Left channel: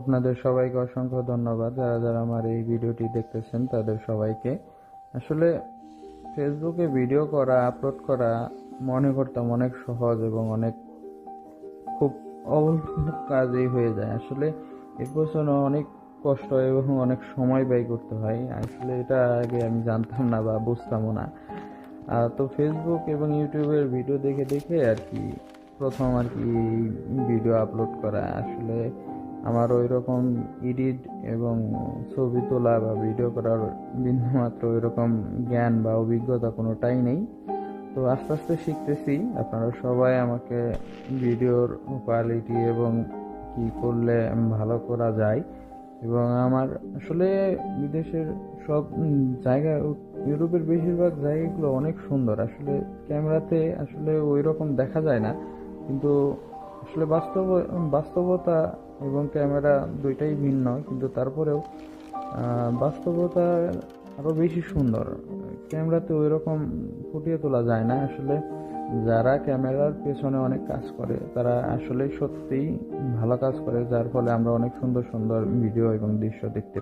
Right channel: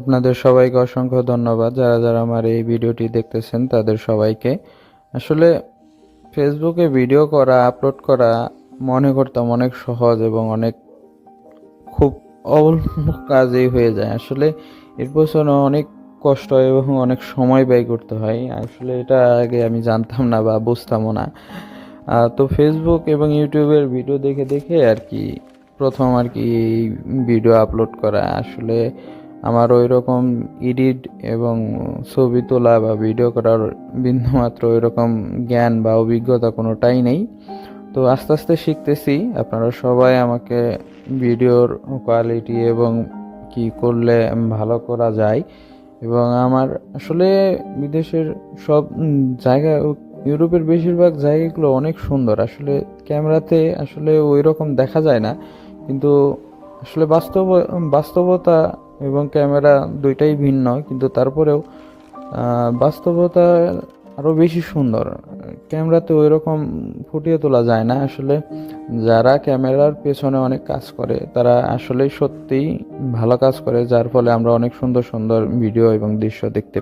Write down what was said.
আপনাদের সবাইকে অসংখ্য ধন্যবাদ। যারা যারা আমার এই ভিডিওটি দেখতেছেন তাদের সবাইকে। আসলে ফেসবুকে ভিডিও করা, আপলোড করা মনে করতাম অনেক সহজ এবং অনেক খুব অল্প কাজেই হয়ে যায়। আসলে এর পেছনে অনেক কষ্ট হয় এবং অনেক সময় ব্যয় করতে হয়। আসলে এটা আগে আমি জানতাম না বা বুঝতামও না। তো ফেসবুক এবং ইউটিউবের ভিডিও দেখে দেখে আর কি প্রথম আর কি ভিডিও আপলোড করা। আসলে আমার ওই রকম এডিট এবং ছবি তোলা বা ভিডিও করার বিন্দুমাত্র ওই রকম জ্ঞান বা অভিজ্ঞতা কোনোটাই নেই। তো আস্তে আস্তে শিখতেছি। আপনারা সবাই আমাকে ভিডিওর কোয়ালিটি এবং কি করলে ভালো করা যায় এবং আমার আসলে বিদেশের সব জায়গা, ইউরোপের বেশিরভাগ জায়গাগুলো অনেক সুন্দর। আসলে ক্যামেরাতে আসলে ওই রকম দেখা যায় না, কিন্তু আসলে বাস্তবতা এবং ক্যামেরা দুইটাই ভিন্ন, কিন্তু তারপরেও বাস্তবতা আরও বেশি সুন্দর। ক্যামেরাতে ওই রকম ফুটিয়ে তোলা যায় না। আসলে যারা ক্যামেরার পেছনে অনেক কাজ করে তারা আসলেই সত্যিই ভালো কাজ করে, যার ফলে আমরা অনেক সুন্দর সুন্দর ভিডিও এবং দৃশ্য দেখতে